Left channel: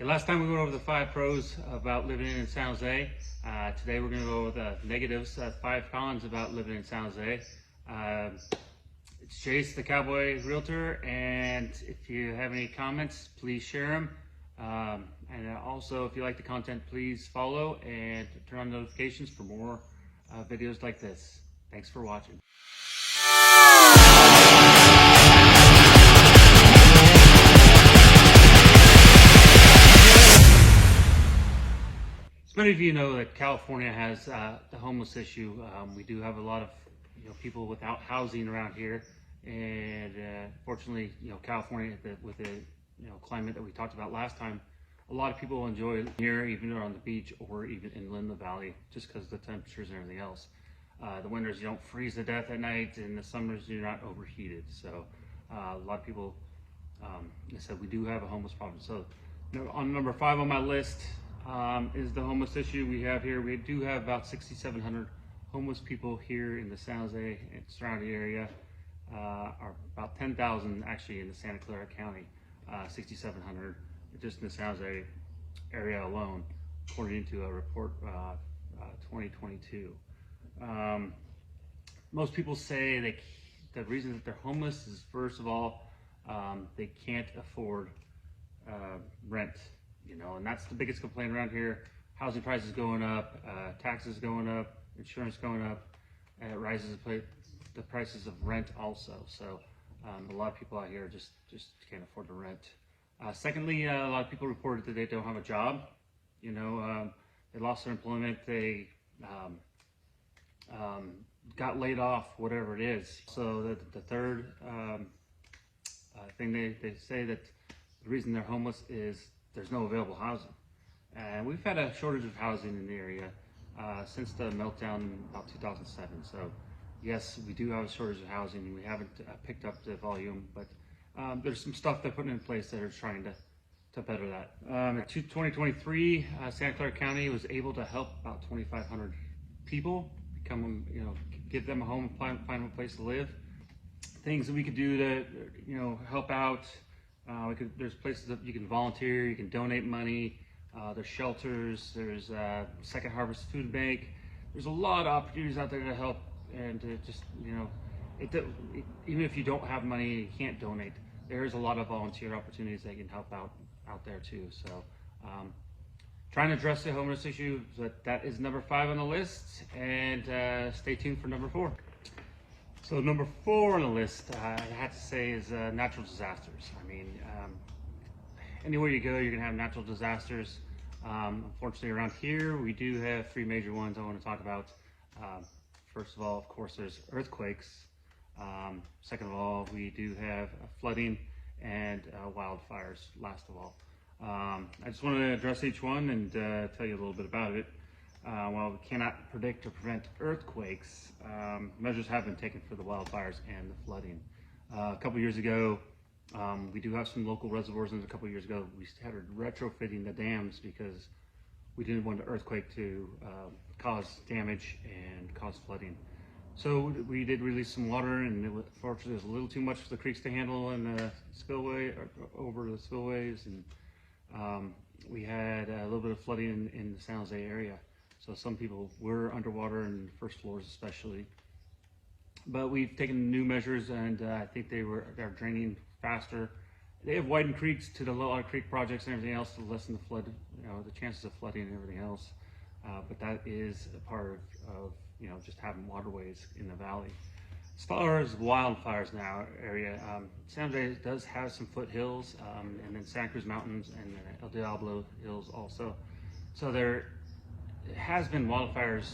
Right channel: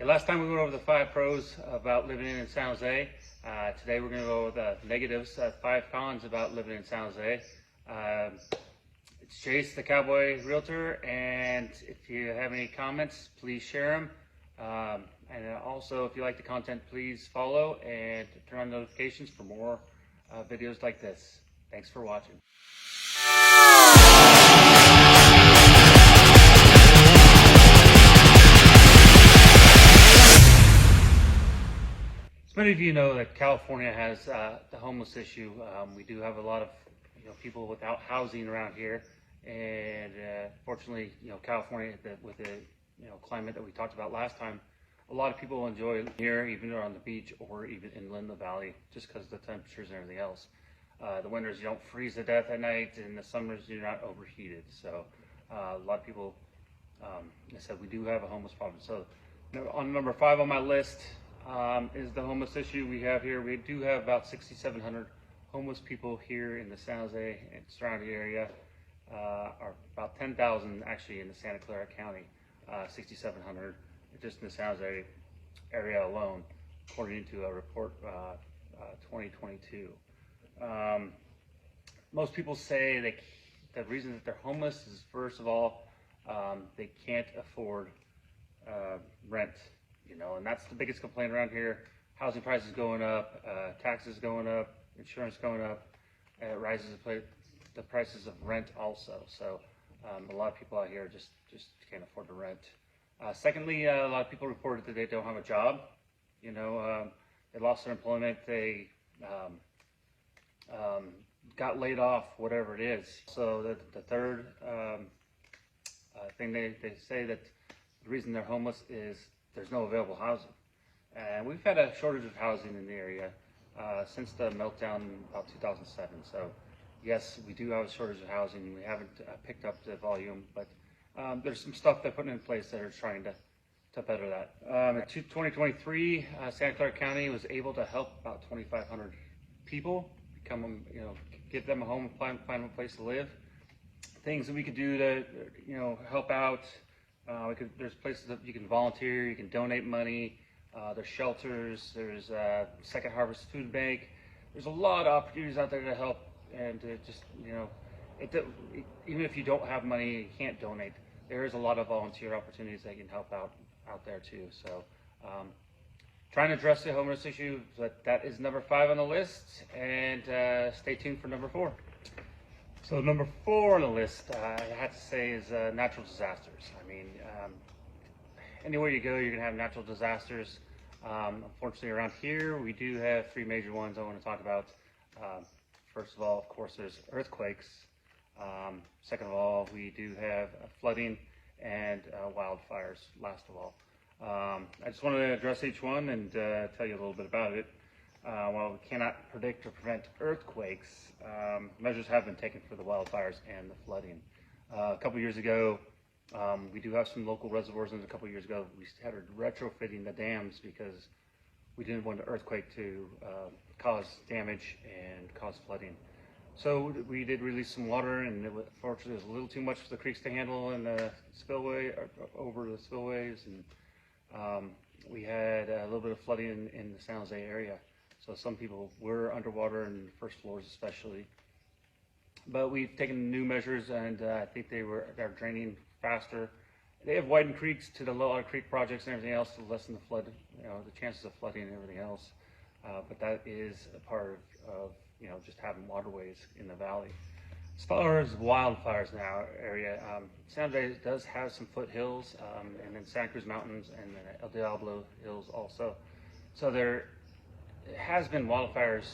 Okay, last time we went over the 5 pros about living in San Jose. Today we're going to go over the negatives, 5 cons about living in San Jose. It's Chase, the Cowboy Realtor, and if you have any comments, please share them. And also, if you like the content, please follow and turn on notifications for more videos like this. Thanks for watching. As many of you know that California has the homeless issue. We do have a lot of people without housing around here, and fortunately, California, with the climate that we talked about last time, a lot of people enjoy here, even on the beach or even inland the valley, just because of the temperatures and everything else. The winters, you don't freeze to death at night, and the summers, you're not overheated. So a lot of people, like I said, we do have a homeless problem. So on number 5 on my list is the homeless issue we have here. We do have about 6,700 homeless people here in the San Jose and surrounding area, or about 10,000 actually in the Santa Clara County, 6,700 just in the San Jose area alone, according to a report 2022. Most people say the reason that they're homeless is, first of all, they can't afford rent. And that's the biggest complaint around here. Housing prices going up, taxes going up, insurance going up, and it rises the prices of rent also. So a lot of people out here just can't afford to rent. Secondly, a lot of people reported that they don't have a job. They lost their employment, they got laid off, whatever it is. So the third thing they say that the reason they're homeless is there's no available housing. And we've had a shortage of housing in the area since the meltdown in about 2007. So yes, we do have a shortage of housing. We haven't picked up the volume, but there's some stuff they're putting in place that are trying to better that. In 2023, Santa Clara County was able to help about 2,500 people give them a home and find a place to live. Things that we could do to help out. There's places that you can volunteer, you can donate money, there's shelters, there's Second Harvest Food Bank. There's a lot of opportunities out there to help and to just, even if you don't have money, you can't donate. There's a lot of volunteer opportunities that can help out there too. So trying to address the homeless issue, that is number 5 on the list, and stay tuned for number 4. So number 4 on the list, I have to say, is natural disasters. I mean, anywhere you go, you're gonna have natural disasters. Unfortunately, around here, we do have 3 major ones I want to talk about. First of all, of course, there's earthquakes. Second of all, we do have flooding and wildfires, last of all. I just wanted to address each one and tell you a little bit about it. While we cannot predict or prevent earthquakes, measures have been taken for the wildfires and the flooding. A couple years ago, we do have some local reservoirs, and a couple years ago we started retrofitting the dams because we didn't want the earthquake to cause damage and cause flooding. So we did release some water, and unfortunately it was a little too much for the creeks to handle in the spillway, or over the spillways, and we had a little bit of flooding in the San Jose area. So some people were underwater, in the first floors especially. But we've taken new measures, and I think they're draining faster. They have widened creeks to the Low Creek projects and everything else to lessen the flood, the chances of flooding and everything else. But that is a part of just having waterways in the valley. As far as wildfires in our area, San Jose does have some foothills, and then Santa Cruz Mountains and El Diablo Hills also. So there has been wildfires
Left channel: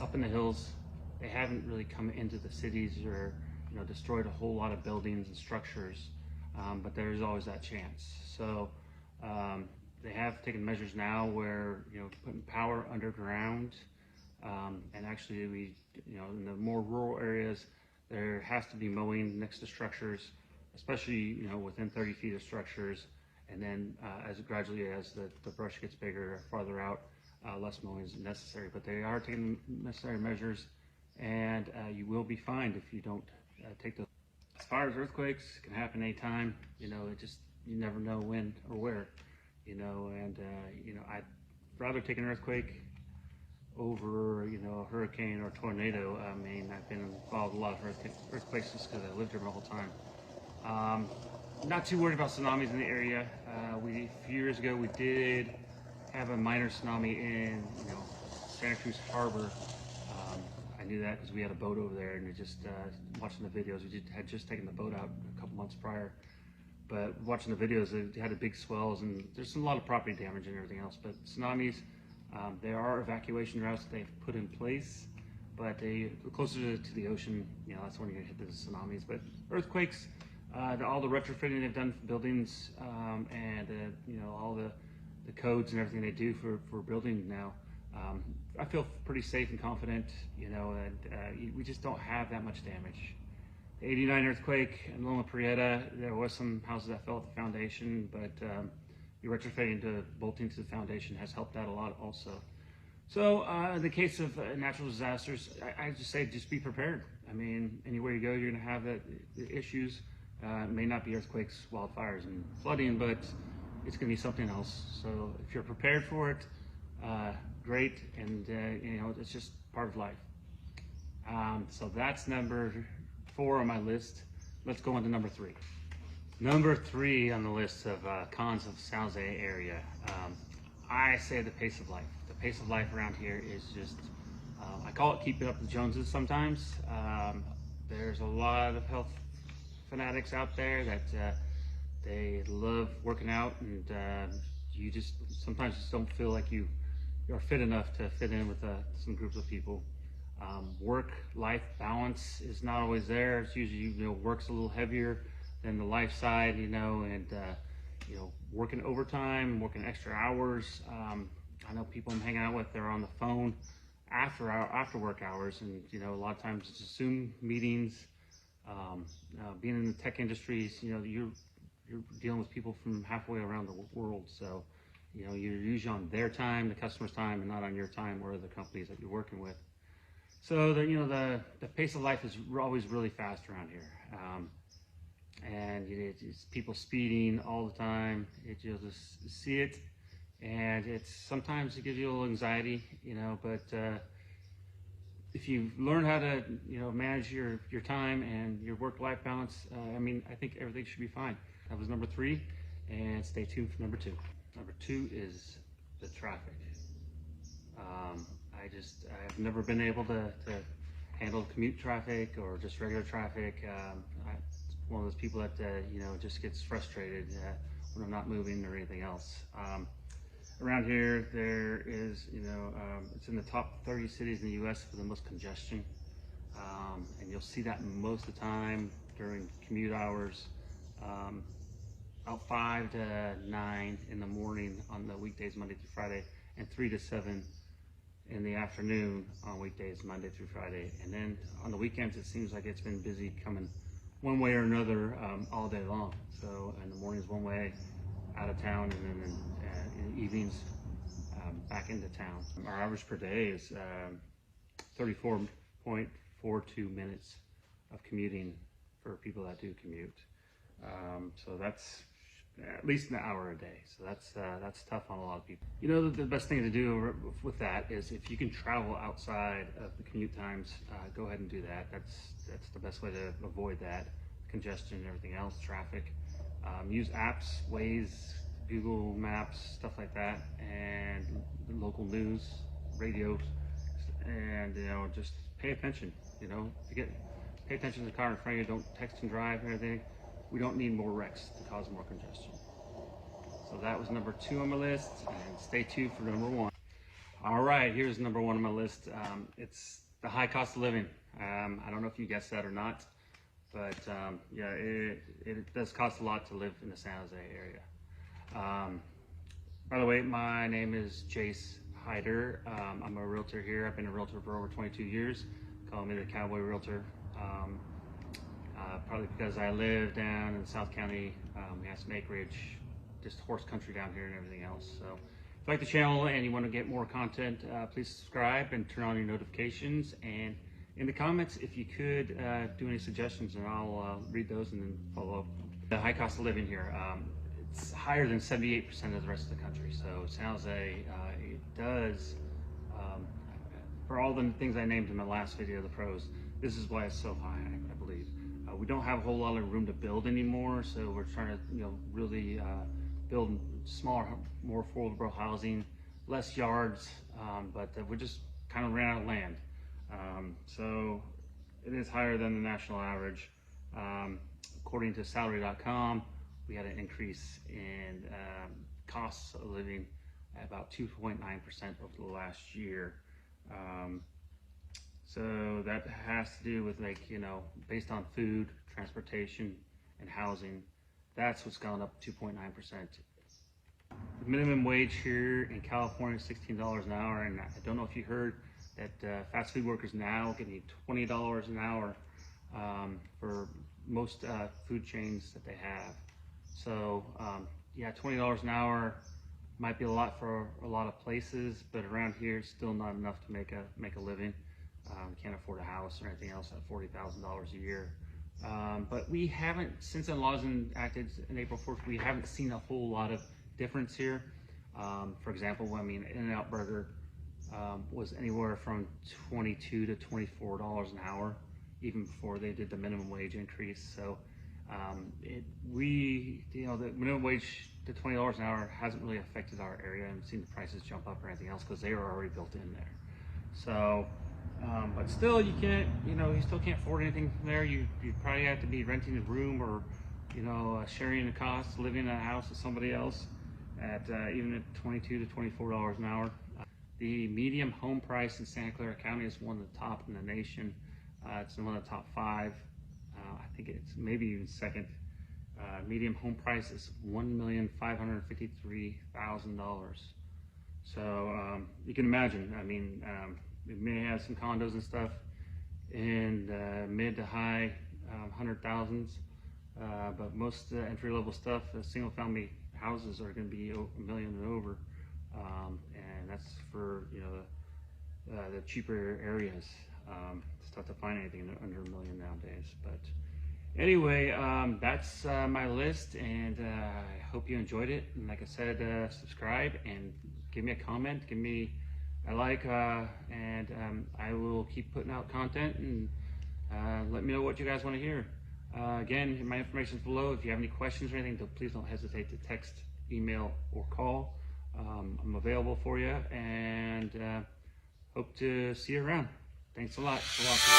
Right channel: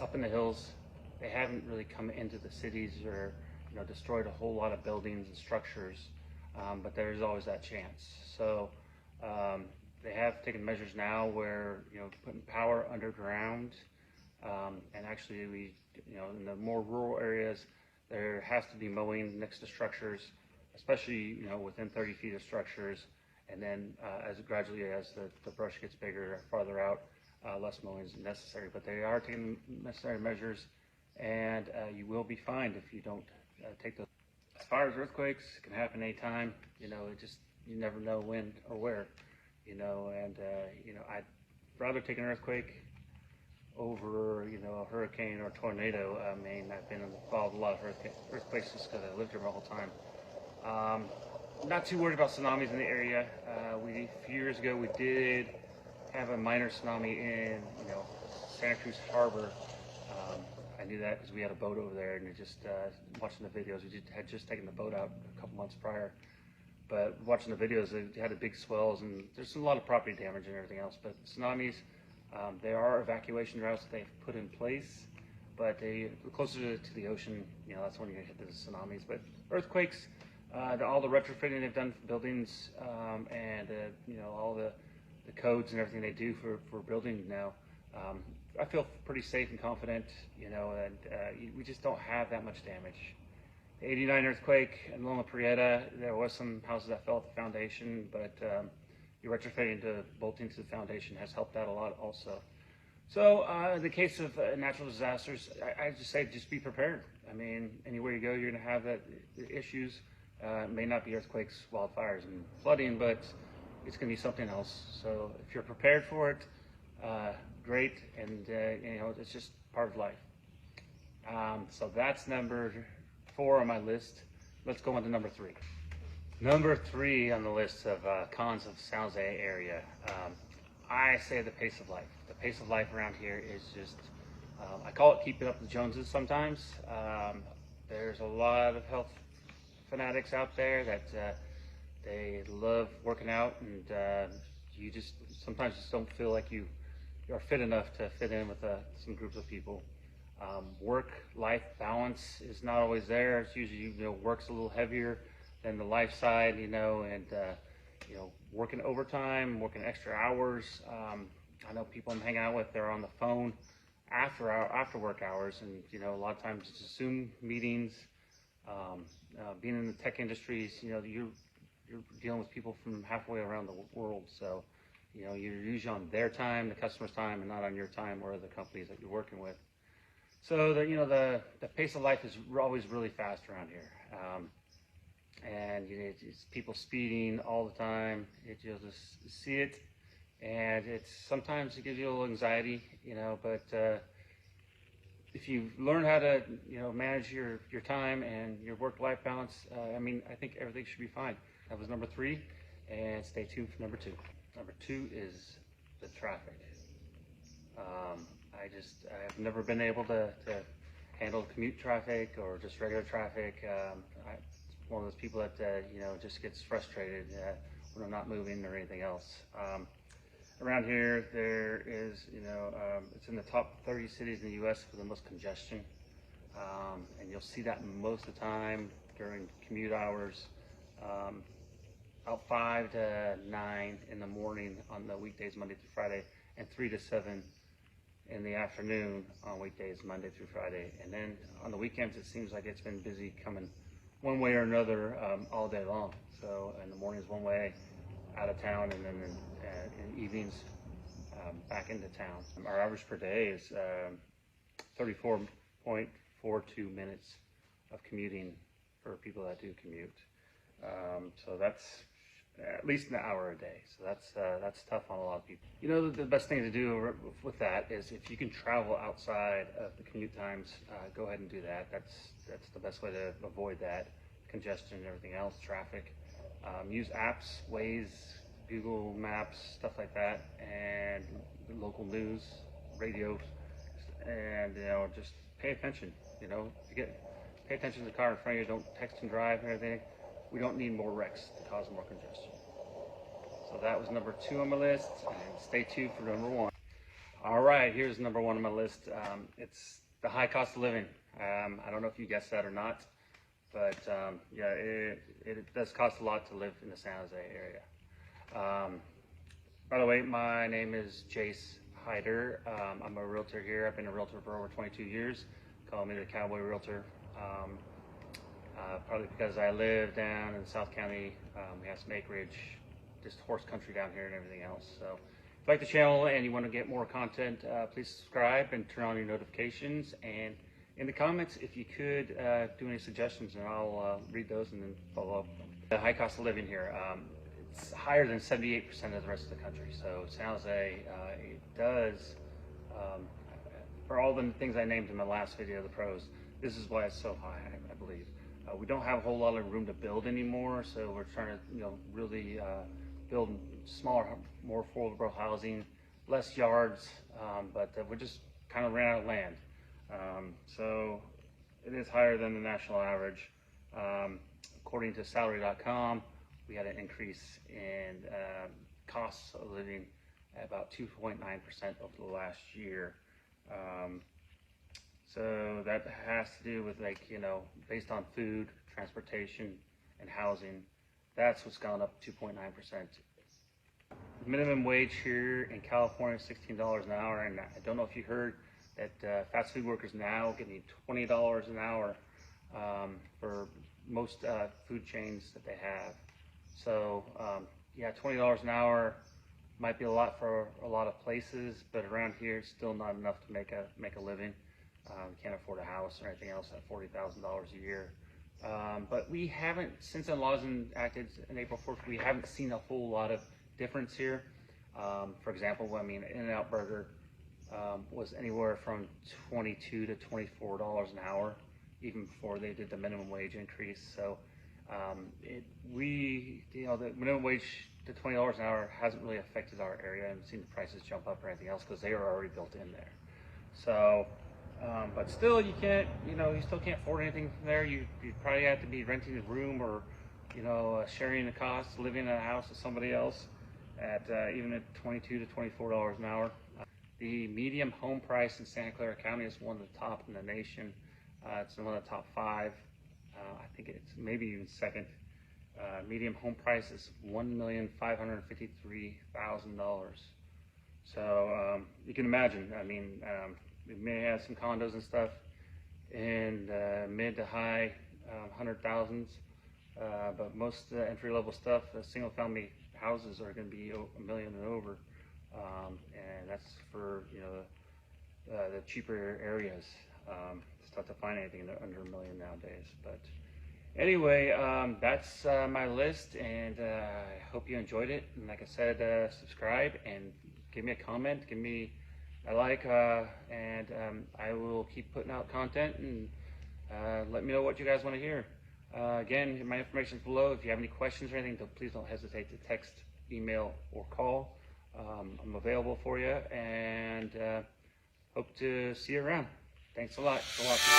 up in the hills. They haven't really come into the cities or destroyed a whole lot of buildings and structures, but there's always that chance. So they have taken measures now where putting power underground, and actually we in the more rural areas there has to be mowing next to structures, especially within 30 feet of structures, and then as the brush gets bigger or farther out, less mowing is necessary. But they are taking necessary measures, and you will be fined if you don't take those. As far as earthquakes, it can happen anytime. You never know when or where. and I'd rather take an earthquake over, a hurricane or tornado. I mean, I've been involved in a lot of earthquakes just because I lived here my whole time. Not too worried about tsunamis in the area. A few years ago, we did have a minor tsunami in, Santa Cruz Harbor. I knew that because we had a boat over there, and watching the videos, we had just taken the boat out a couple months prior. But watching the videos, they had a big swells, and there's a lot of property damage and everything else. But tsunamis, there are evacuation routes that they've put in place, but closer to the ocean, that's when you're gonna hit the tsunamis. But earthquakes, all the retrofitting they've done for buildings, and all the codes and everything they do for building now, I feel pretty safe and confident, and we just don't have that much damage. The '89 earthquake in Loma Prieta, there was some houses that fell at the foundation, but your retrofitting to bolting to the foundation has helped out a lot also. So in the case of natural disasters, I just say just be prepared. I mean, anywhere you go, you're going to have issues. It may not be earthquakes, wildfires, and flooding, but it's going to be something else. So if you're prepared for it, great, and it's just part of life. So that's number 4 on my list. Let's go on to number 3. Number 3 on the list of cons of San Jose area. I say the pace of life. The pace of life around here is just, I call it keeping up with the Joneses sometimes. There's a lot of health fanatics out there that they love working out, and you just sometimes just don't feel like you're fit enough to fit in with some groups of people. Work-life balance is not always there. It's usually, work's a little heavier than the life side, and working overtime, working extra hours. I know people I'm hanging out with, they're on the phone after work hours, and a lot of times it's Zoom meetings. Being in the tech industries, you're dealing with people from halfway around the world, so you're usually on their time, the customer's time, and not on your time or the companies that you're working with. So the pace of life is always really fast around here, and it's people speeding all the time. You'll just see it, and sometimes it gives you a little anxiety, but if you learn how to manage your time and your work-life balance, I think everything should be fine. That was number 3, and stay tuned for number 2. Number 2 is the traffic. I've never been able to handle commute traffic or just regular traffic. I'm one of those people that just gets frustrated when I'm not moving or anything else. Around here, there is, it's in the top 30 cities in the U.S. for the most congestion, and you'll see that most of the time during commute hours, about 5 to 9 in the morning on the weekdays, Monday through Friday, and 3 to 7 in the afternoon on weekdays, Monday through Friday. And then on the weekends, it seems like it's been busy coming one way or another all day long. So in the mornings one way, out of town, and then in evenings back into town. Our average per day is 34.42 minutes of commuting for people that do commute. So that's at least an hour a day. So that's tough on a lot of people. The best thing to do with that is if you can travel outside of the commute times, go ahead and do that. That's the best way to avoid that congestion and everything else, traffic. Use apps, Waze, Google Maps, stuff like that, and local news, radio, and just pay attention. Pay attention to the car in front of you. Don't text and drive and everything. We don't need more wrecks to cause more congestion. So that was number 2 on my list, and stay tuned for number 1. All right, here's number 1 on my list. It's the high cost of living. I don't know if you guessed that or not, but yeah, it does cost a lot to live in the San Jose area. By the way, my name is Jace Hyder. I'm a realtor here. I've been a realtor for over 22 years. Call me the Cowboy Realtor. Partly because I live down in South County. We have some acreage, just horse country down here and everything else. So if you like the channel and you want to get more content, please subscribe and turn on your notifications. And in the comments, if you could do any suggestions, and I'll read those and then follow up. The high cost of living here. it's higher than 78% of the rest of the country. So San Jose, it does, for all the things I named in the last video, the pros, this is why it's so high, I believe. We don't have a whole lot of room to build anymore, so we're trying to, really build smaller, more affordable housing, less yards, but we just kind of ran out of land. So it is higher than the national average. According to salary.com, we had an increase in costs of living at about 2.9% over the last year. So that has to do with, based on food, transportation, and housing. That's what's gone up 2.9%. The minimum wage here in California is $16 an hour, and I don't know if you heard that fast food workers now getting $20 an hour for most food chains that they have. So yeah, $20 an hour might be a lot for a lot of places, but around here it's still not enough to make a living. Can't afford a house or anything else at $40,000 a year. But we haven't, since the laws enacted in April 4th, we haven't seen a whole lot of difference here. For example, In-N-Out Burger was anywhere from $22 to $24 an hour, even before they did the minimum wage increase. So the minimum wage to $20 an hour hasn't really affected our area and seen the prices jump up or anything else because they are already built in there. So, but still, you can't, you still can't afford anything from there. You probably have to be renting a room or, sharing the cost, living in a house with somebody else at even at $22 to $24 an hour. The median home price in Santa Clara County is one of the top in the nation. It's one of the top 5. I think it's maybe even second. Median home price is $1,553,000. So you can imagine. We may have some condos and stuff in mid to high 100,000s, but most entry-level stuff, single-family houses, are going to be $1 million and over, and that's for the cheaper areas. It's tough to find anything under $1 million nowadays. But anyway, that's my list, and I hope you enjoyed it. And like I said, subscribe and give me a comment, give me a like, and I will keep putting out content, and let me know what you guys want to hear. Again, my information is below. If you have any questions or anything, please don't hesitate to text, email, or call. I'm available for you, and hope to see you around. Thanks a lot for watching.